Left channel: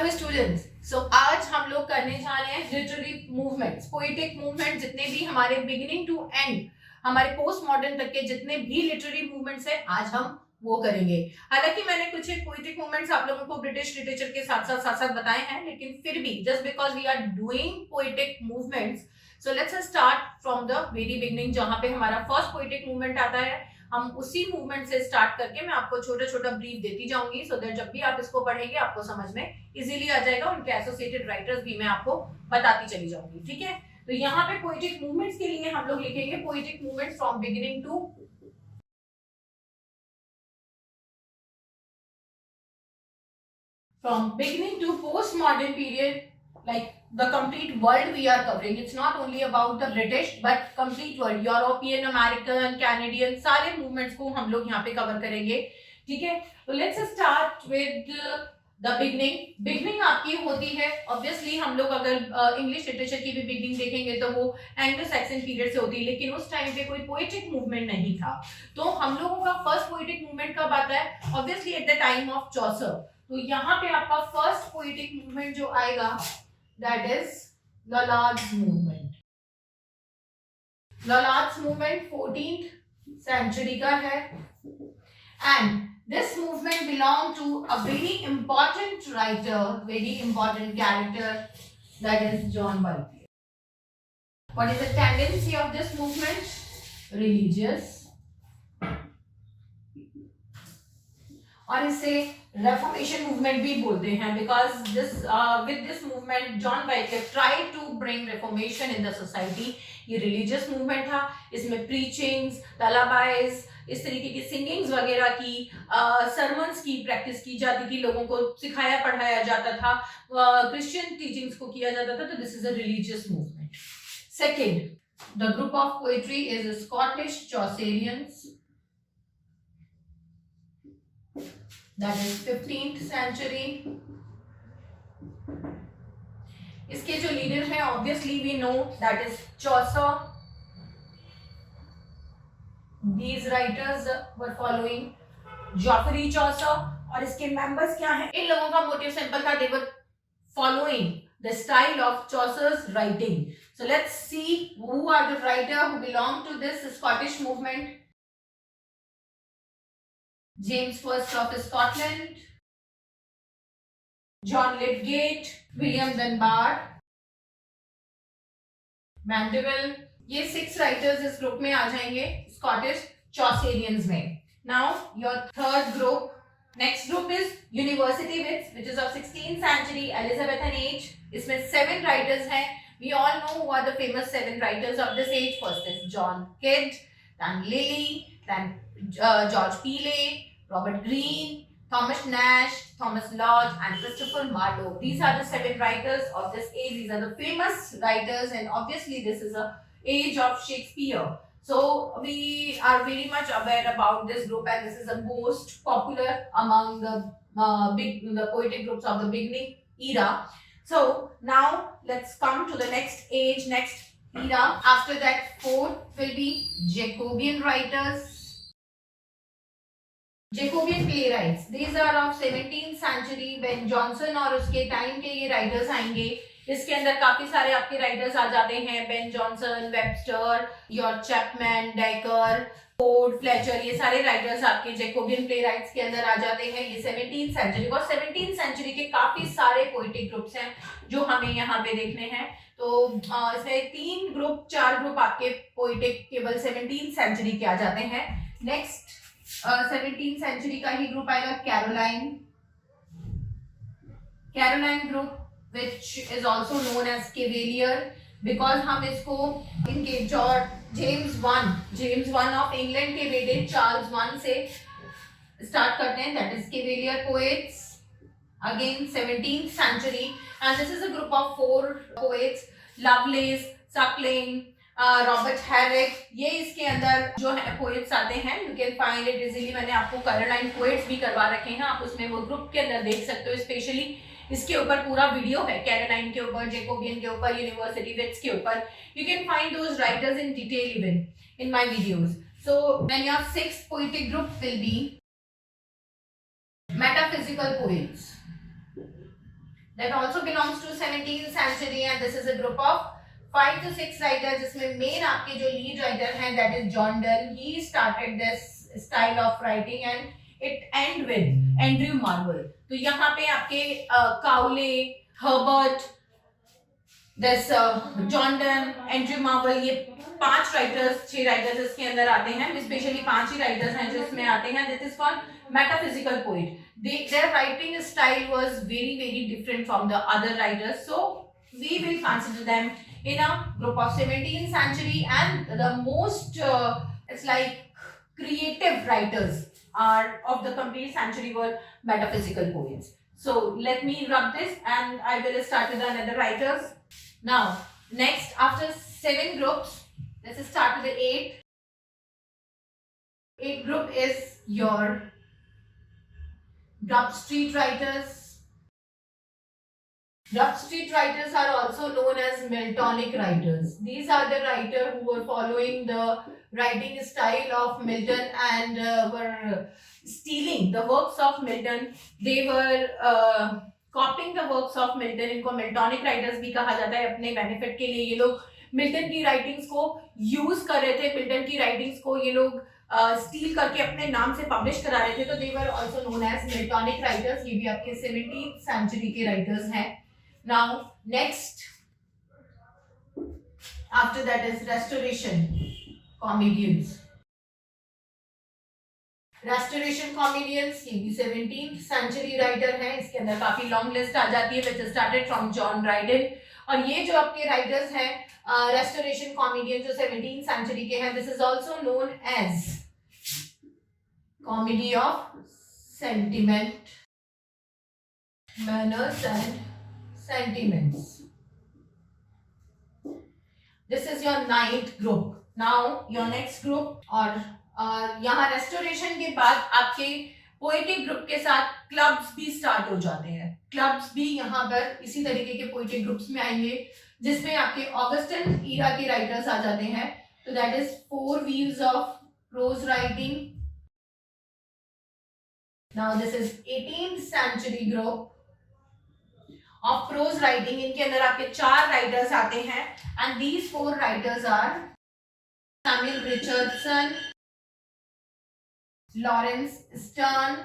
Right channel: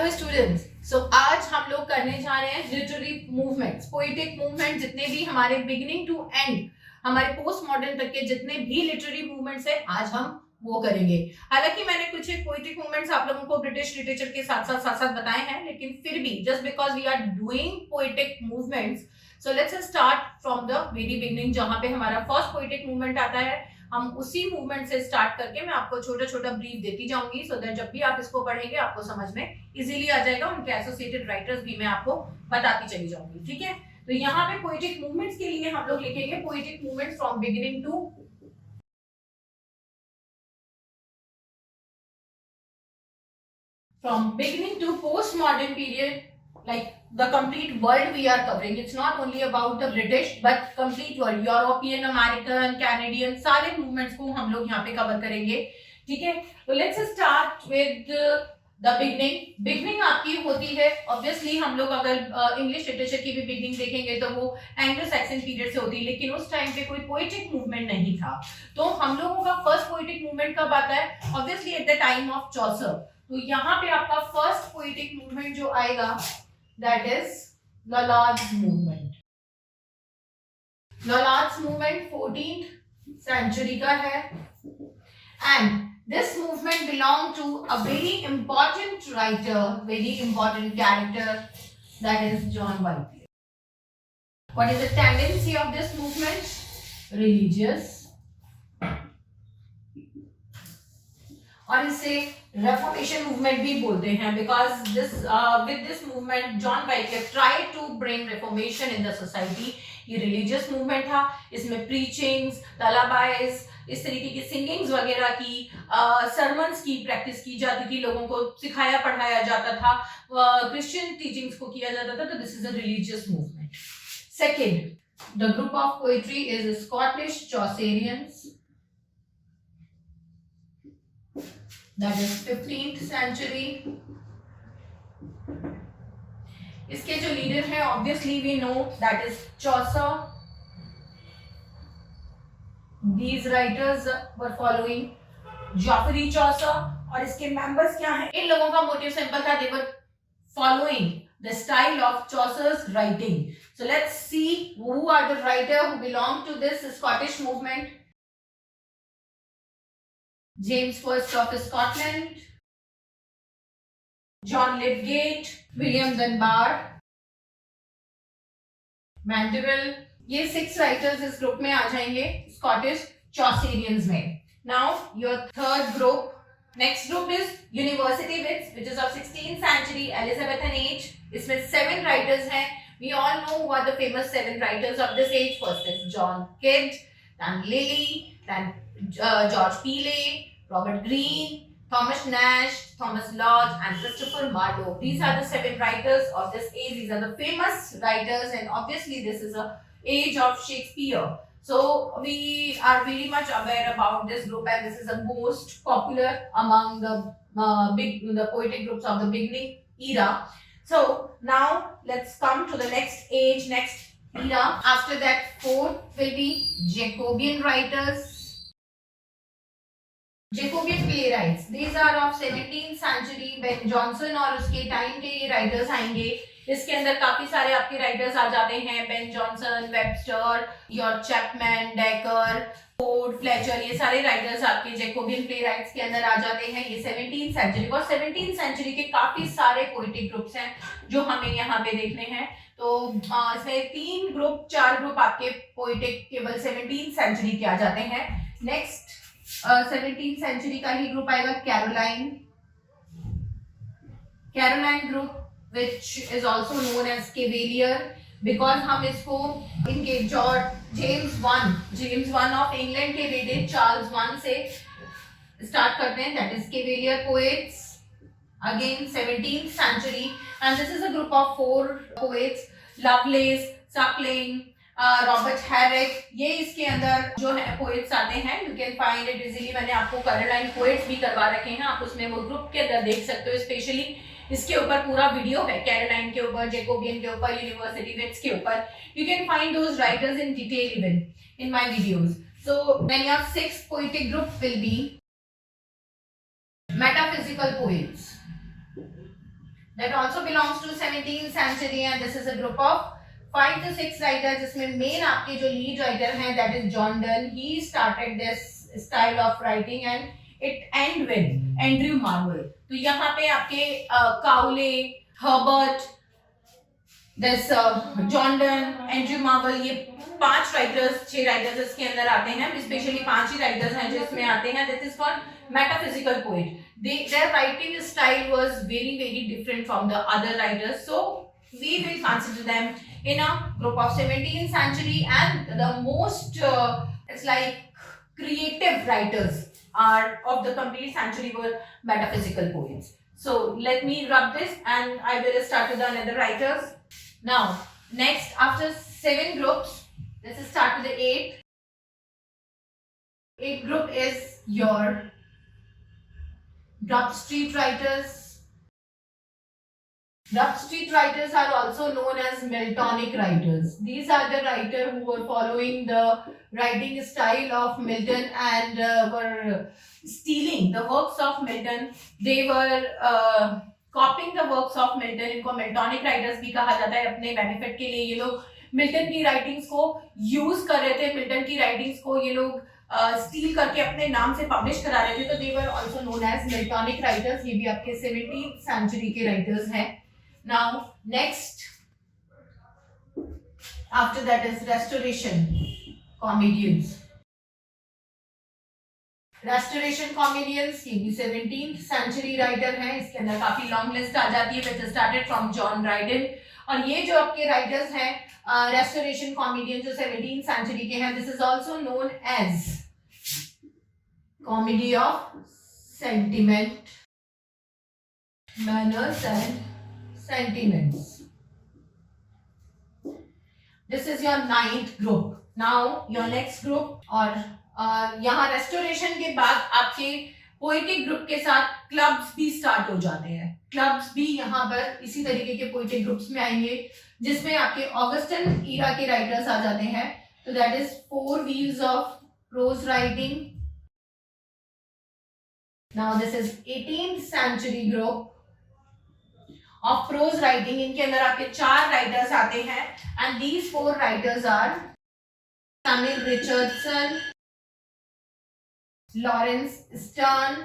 Hello students, आज हम लोग करने जा रहे हैं लिटरेरी मूवमेंट्स, पोएटिक मूवमेंट, जितने भी हमारे बिगिनिंग टू एंड, हमारे पोस्ट मॉडर्न तक के जितने भी लिटरेरी मूवमेंट्स है, आज हम वो करेंगे। हालांकि मैंने कुछ एक पोएटिक मूवमेंट्स आप लोगों को ब्रिटिश लिटरेचर के साथ-साथ बताए हैं, लेकिन फिर भी just because we are doing poetic movements, so let's start from the very beginning, जहां पे हमारा फर्स्ट पोएटिक मूवमेंट आता है। हम उसी मूवमेंट से स्टार्ट करके मैं आपको छोटा छोटा ब्रीफ देती जाऊंगी, सो दैट जब भी आप इसको पढ़ेंगे आपको समझ में इजीली आ जाएगा। उनके एसोसिएटेड राइटर्स भी मैं आपको बताती चली जाऊंगी, ठीक है। तो यहाँ पे पोएटिक मूवमेंट्स के लिए हम लोग लिखेंगे poetic movements from beginning to postmodern period, like the complete world we are covering. It's not only about the British but complete world, European, American, Canadian, सारे movements को हम लोग यहाँ पे cover करेंगे, ठीक है। तो let's start with the beginning. Beginning आपकी होती है, obviously हम लोग अगर इंग्लिश लिटरेचर की भी beginning देखेंगे तो वो एंग्लो सैक्सन पीरियड से होती है, लेकिन उस टाइम पे कोई पोएटिक मूवमेंट नहीं था। तो हम लोगों का फर्स्ट पोएटिक मूवमेंट कब आता है? Obviously at the time of Chaucer. तो यहाँ पे आपका फर्स्ट पोएटिक मूवमेंट जो आएगा, that is Lollard's movement. Lollard's movement 14th century का है, and this movement belonged to a very important writer, very important character, that is John Whitefield. What is the tendency of this movement? Religious, और इसे reformation movement भी बोलते हैं, because this with this movement John Wycliffe tried to bring reformation in the society. ये religious movement था, इसमें preachings, तलाबाइज, इस तरीके की सिंगिंग्स वगैरह की, सरमन्स की प्रैक्टिस की जाती थी, लोगों को सिखाया पढ़ाया जाता था, क्रिश्चियन टीचिंग्स को किया जाता था। तो this is a religious movement. Second, the group of poetry is Scottish Chaucerians, that is 15th century. इसके जो लीडर है obviously we know that is Chaucer. These writers were following Geoffrey Chaucer, और इसके मेंबर्स क्या हैं? इन लोगों का motive simple था, they were following the style of Chaucer's writing. So let's see who are the writer who belong to this Scottish movement. James First of Scotland, John Lydgate, William Dunbar, Mandeville, ये 6 writers इस group में आ जाएंगे Scottish Chaucerians में। Now your third group, next group is university wits, which is of 16th century, Elizabethan age. इसमें 7 writers हैं। We all know who are the famous 7 writers of this age. First is John Kyd, then Lilly, then George Peele, Robert Greene, Thomas Nash, Thomas Lodge, and Christopher Marlowe. These are the 7 writers of this age. These are the famous writers, and obviously this is a age of Shakespeare. So we are very much aware about this group, and this is the most popular among the poetic groups of the beginning era. So now let's come to the next age, next era. After that, fourth will be Jacobean writers. Jacobean playwrights, these are of 17th century, Ben Jonson और उसके time के ये writers आएंगे। इसके अंदर काफी सारे आपके राइटर्स आ जाते हैं, Ben Jonson, Webster, York Chapman, decker, Ford, Fletcher, ये सारे राइटर्स आपके जैकोबियन प्लेराइट्स के अंदर आ जाते हैं। ये 17th सेंचुरी और 17th सेंचुरी के काफी सारे पोएटिक ग्रुप्स हैं जो हमें यहाँ पे देखने हैं। तो इसमें 3 ग्रुप 4 ग्रुप आपके पोएटिक केवल 17th सेंचुरी के आ जाते हैं। नेक्स्ट 17th सेंचुरी का ही ग्रुप आएगा Caroline group, which is also known as Cavalier, because हम इसको इनके जेम्स वन ऑफ इंग्लैंड के बेटे चार्ल्स वन से स्टार्ट करते हैं। That is Cavalier poets, again 17th century, and this is a group of 4 poets, Lovelace, Suckling, Robert Herrick, ये इसके अंदर जो है पोएट्स आते हैं। You can find it easily, मैंने आपको कैरोलाइन पोएट्स भी करवा रखे हैं, आप उसमें वो ग्रुप के अंदर देख सकते हो। स्पेशली इसके ऊपर पूरा वीडियो है, कैरोलाइन के ऊपर, जैकोबियन के ऊपर, यूनिवर्सिटी विट्स के ऊपर। You can find those writers in detail even in my videos. So then your 6th poetic group will be metaphysical poets, that also belongs to 17th century, and this is a group of 5 to 6 writers, जिसमें main आपके जो lead writer हैं that is John Donne. He started this style of writing and it end with Andrew Marvell. तो यहाँ पे आपके Cowley, Herbert, this John Donne, Andrew Marvell, ये 5 writers 6 writers इसके अंदर आते हैं. स्पेशली 5 ही राइटर्स हैं जो इसमें आते हैं. This is called metaphysical poet. Their writing style was very different from the other writers, so we will consider them in a group of 17th century, and the most it's like creative writers are of the complete century were metaphysical poets. So let me rub this and I will start with another writers. Now next, after 7 groups, let's start with the 8th. 8th group is your Grub Street writers. Grub Street writers are also known as Miltonic writers. These are the writers who were following the writing style of Milton and were stealing the works of Milton. They were copying the works of Milton. इनको Miltonic writers भी कहा जाता है. अपने benefit के लिए ये लोग मिल्टन की राइटिंग्स को यूज कर रहे थे. मिल्टन की राइटिंग्स को ये लोग स्टील करके अपने नाम से पब्लिश करा रहे थे. तो they were also known as Miltonic writers. ये भी आपके 17th सेंचुरी के राइटर्स हैं. Now next after that is restoration comedians. Restoration comedians ये भी 17th सेंचुरी राइटर हैं. इसके अंदर काफी लॉन्ग लिस्ट आ जाती है which started from John Dryden. और ये जो आपके राइटर्स हैं रेस्टोरेशन कॉमेडियन जो 17th सेंचुरी के हैं, this is also known as comedy of sentiment, manners and sentiments. This is your 9th group. Now your next group. और यहाँ रेस्टोरेशन के बाद आपके पोएटिक ग्रुप के साथ क्लब्स भी स्टार्ट हो जाते हैं. क्लब्स भी यहाँ पर इसी तरीके के पोएटिक ग्रुप्स में आएंगे जिसमें आपके ऑगस्टन ईरा के राइटर्स आ जाते हैं. तो that is 4 wheels of prose writing. Now this is 18th century group of prose writing. इनके अंदर आपके 4 राइटर्स आते हैं and these 4 writers are Samuel Richardson, Laurence Sterne,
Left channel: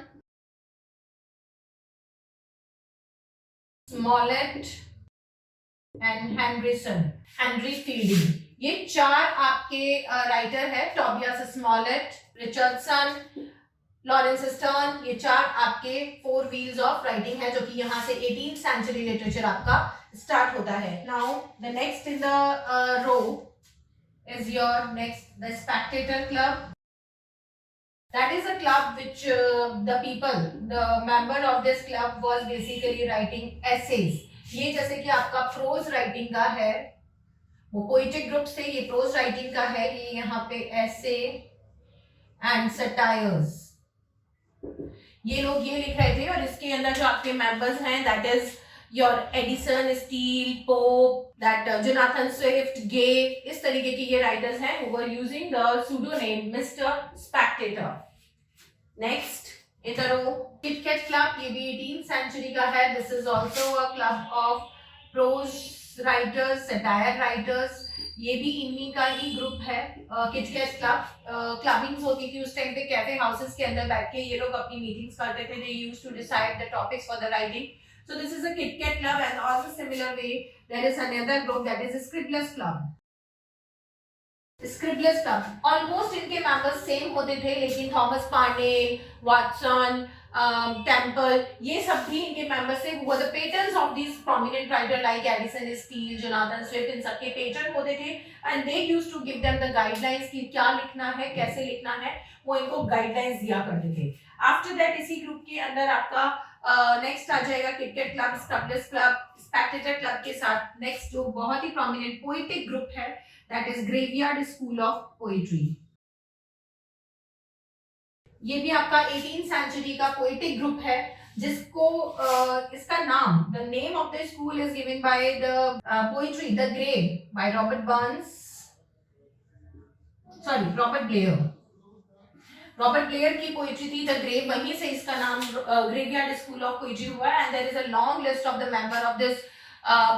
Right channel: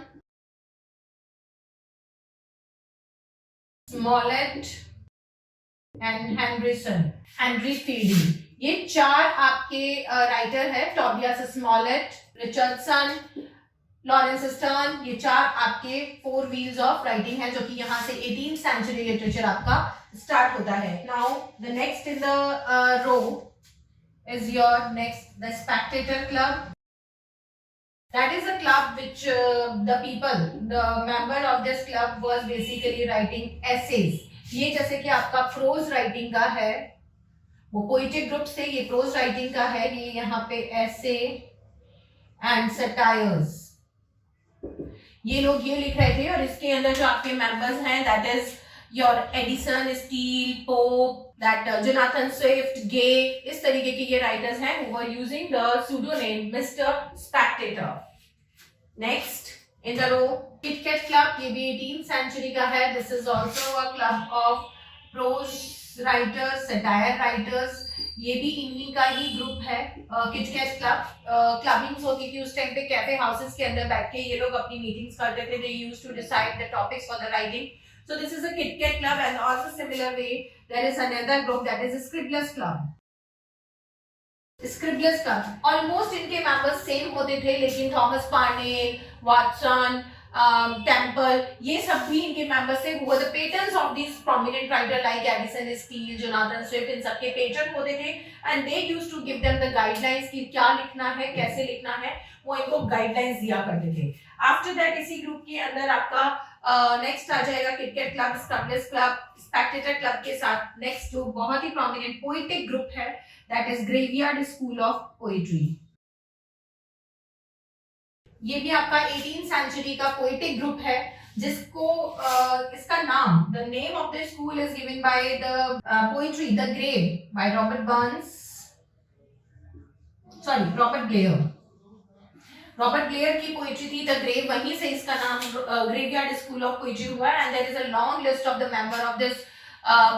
Smollett and Henry Fielding. ये 4 आपके राइटर है. Tobias Smollett, Richardson, Laurence Sterne. ये 4 आपके 4 व्हील्स ऑफ राइटिंग है जो कि यहाँ से 18th सेंचुरी लिटरेचर आपका स्टार्ट होता है. Now the next in the row is your next the Spectator Club. That is a club which the people, the member of this club was basically writing essays. ये जैसे कि आपका pros writing का है, वो poetic group से ये pros writing का है. ये यहाँ पे एसे एंड सटायर्स ये लोग ये लिख रहे थे. और इसके अंदर जो आपके मेंबर्स हैं that is your Addison, Steele, Pope, that Jonathan Swift, Gay. इस तरीके के ये राइटर्स हैं who were using the pseudonym Mr. Spectator. Next in the row Kit cat Club. ये भी 18th सेंचुरी का है. This is also a club of prose writers, satire writers. ये भी इन्हीं का ही ग्रुप है. किट कैट क्लब क्लबिंग्स होती थी उस टाइम पे. कैफे हाउसेस के अंदर बैठ के ये लोग अपनी मीटिंग्स करते थे. They used to decide the topics for the writing. So this is a Kit cat club. And also similar way there is another group that is Scriblerus club. Scriblerus club almost इनके members same होते थे, लेकिन Thomas Parnell, Watson, temple ये सब भी इनके members थे. वो the patterns of this prominent writer like Addison, Steele, Jonathan Swift. इन सबके पेटर्न होते थे and they used to give them the guidelines कि क्या लिखना है, कैसे लिखना है. वो इनको गाइडलाइंस दिया करते थे. आफ्टर दैट इसी ग्रुप के अंदर आपका नेक्स्ट आ जाएगा Kit Kat club, Scriblerus club, Spectator club के साथ नेक्स्ट जो बहुत ही प्रोमिनेंट पोएटिक ग्रुप है that is graveyard school of poetry. ये भी आपका 18th सेंचुरी का पोएटिक ग्रुप है जिसको इसका नाम, the name of the school is given by the poetry the Grave by Robert Blair. Robert Blair की पोइट्री थी द ग्रेव, वहीं से इसका नाम ग्रेवयार्ड स्कूल ऑफ पोइट्री हुआ है। And there is a long list of the member of this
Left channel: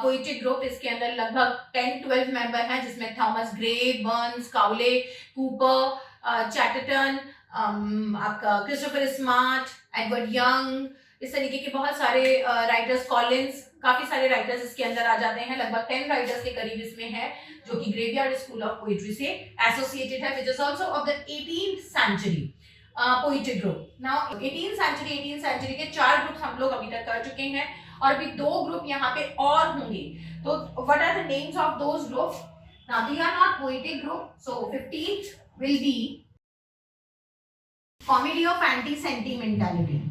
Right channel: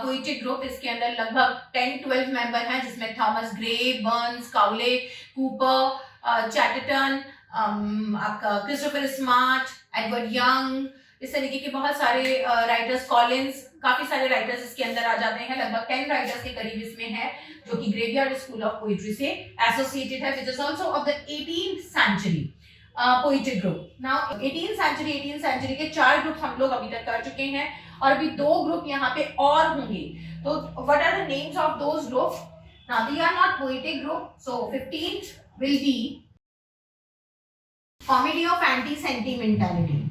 poetic group. इसके अंदर लगभग 10-12 मेंबर हैं, जिसमें Thomas Gray, Burns, Cowley, Cowper, Chatterton, आपका क्रिस्टोफर स्मार्ट, एडवर्ड यंग, इस तरीके के बहुत सारे राइटर्स, कॉलिंस, काफी सारे राइटर्स इसके अंदर आ जाते हैं। लगभग 10 राइटर्स के करीब इसमें है जो कि ग्रेवयार्ड स्कूल ऑफ पोइट्री से एसोसिएटेड है, which is also of the 18th century poetic group. Now 18th century के 4 ग्रुप हम लोग अभी तक कर चुके हैं और अभी 2 ग्रुप यहाँ पे और होंगे। तो what are the names of those groups? Now they are not poetic group, so 15th will be comedy of anti sentimentality.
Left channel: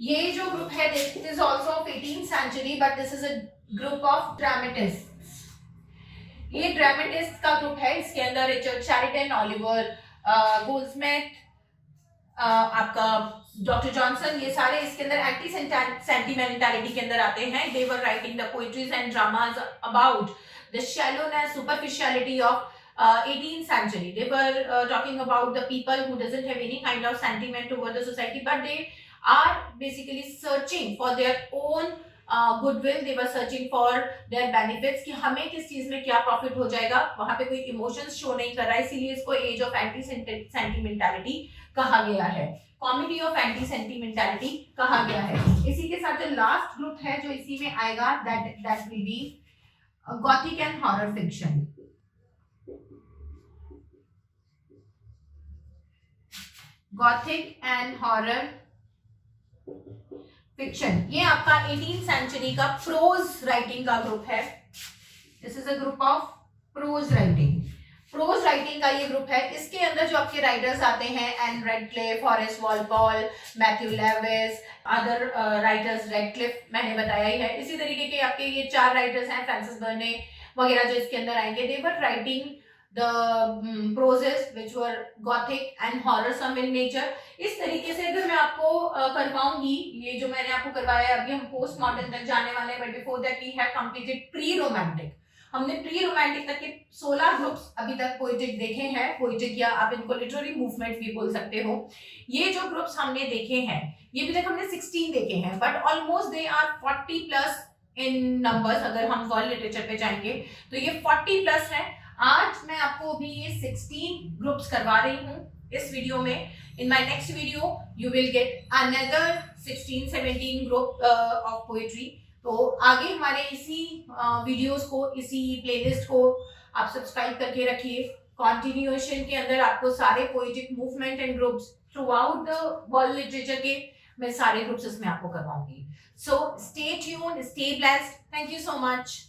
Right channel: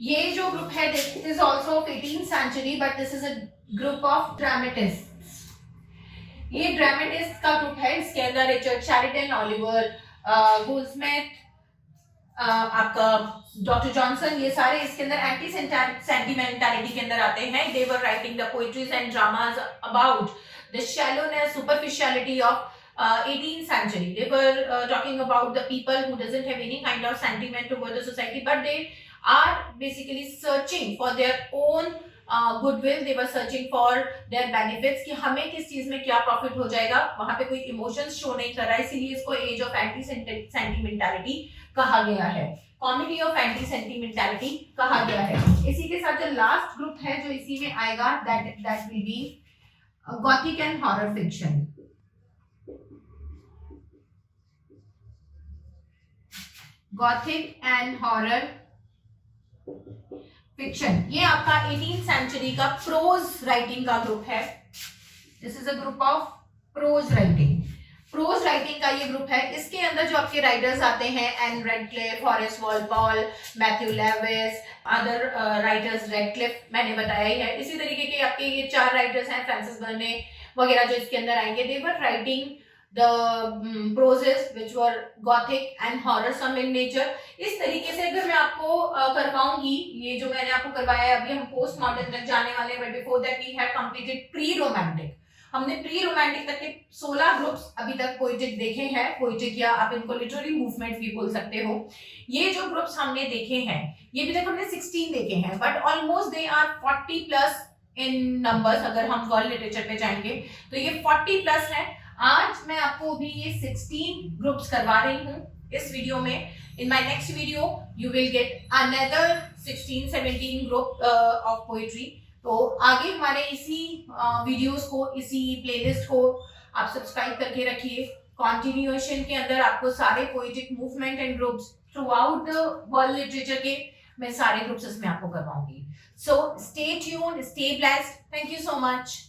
ये जो ग्रुप है this is also of 18th century, but this is a group of dramatists. ये dramatist का group है, इसके अंदर Richard Sheridan, Oliver Goldsmith, आपका doctor Johnson, ये सारे इसके अंदर एंटी सेंटिमेंटालिटी के अंदर आते हैं। They were writing the poetries and dramas about the shallowness, superficiality of 18th century. They were talking about the people who doesn't have any kind of sentiment toward the society, but they are basically searching for their own goodwill. They were searching for their benefits कि हमें किस चीज में क्या profit हो जाएगा। वहां पे कोई इमोशंस शो नहीं कर रहा है, इसीलिए इसको एज ऑफ एंटी सेंटिमेंटालिटी कहा गया है, कॉमेडी ऑफ एंटी सेंटिमेंटालिटी कहा गया है। इसी के साथ जो लास्ट ग्रुप है जो इसी में आएगा, that will be Gothic and horror fiction. Gothic and horror fiction, ये आपका 18th सेंचुरी का प्रोज राइटिंग का ग्रुप है। This is a group of prose writing. Pros writing का ये ग्रुप है। इसके अंदर जो आपके राइटर्स आते हैं, Ann Radcliffe, Horace Walpole, Matthew Lewis, other writers, Radcliffe मैंने बताया ही है। इसी तरीके के आपके ये 4 राइटर्स हैं, फ्रांसिस बर्ने वगैरह जो इसके अंदर आएंगे। They were writing the proses which were gothic and horrorsome in nature। इस तरीके से अगर मैं आपको करवाऊंगी, ये जो मैंने आपको करवाया है, अभी हम पोस्ट मॉडर्न तक जाने वाले हैं, but before that we have completed pre romantic. हमने प्री रोमांटिक तक के 16 ग्रुप्स अभी तक पोएटिक देखे हैं, पोएटिक या आप इनको लिटरेरी मूवमेंट भी बोल सकते हो। ये जो ग्रुप्स हमने देखे हैं, ये भी तक हमने 16 देखे हैं, but almost they are 40+ in numbers. अगर हम वर्ल्ड लिटरेचर पे जाएंगे तो ये 40+ है। आज मैं आपको भी ये 16 ग्रुप्स करवा रही हूँ इस वीडियो में। In my next video you will get another 16-17 group of poetry. तो आगे हमारे इसी वीडियोस को, इसी प्लेलिस्ट को आप सब्सक्राइब करके रखिए। कॉन्टिन्यूएशन के अंदर आपको सारे poetic movement and groups throughout the world literature के मैं सारे ग्रुप्स इसमें आपको करवाऊंगी। So stay tuned, stay blessed, thank you so much.